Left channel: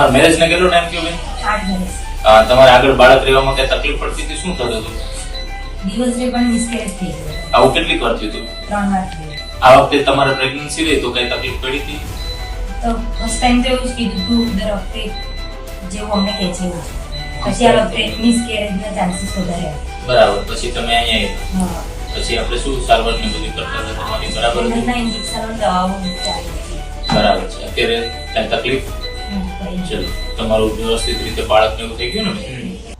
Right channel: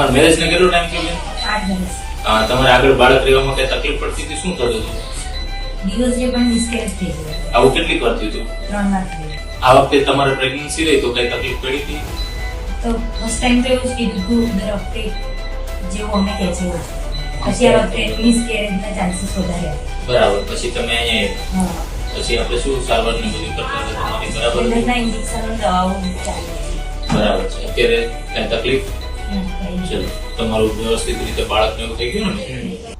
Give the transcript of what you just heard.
તમારા મેરેજ ને કેટલો ટાઈમ થયો બેન? 8 વર્ષ. તમારે આગળ બાળક રહેવામાં કઈ તકલીફ પડતી હતી? શું થતું હતું? દિવસ જે પણ મિસકેરેજ થઈ ગયો. આવું કેટલી વાર થયું હતું? 3 વાર થયું. આ વખતે તમારે પ્રેગ્નન્સી રહી તો કઈ તકલીફ પડી હતી? તો ફર્સ્ટ ટાઈમ તો એવું જ કીધું હતું દર વખતે જેવું અમને કહે છે એવું. પછી આ વખતે મિસકેરેજના ચાન્સીસ વધારે હતા. બરાબર. પછી તમે અહીંયા હા. પછી આપણે શું સારવાર ને બધું કરતા હતા તમારી? બરાબર હતું? ના ઇન્જેક્શન દવાઓ ચાલે છે. બરાબર છે. અત્યારે કઈ તકલીફ? કઈ ચલો તમારું વ્યવસ્થિત રીતે બાળકને એવું થઈ ગયું ને?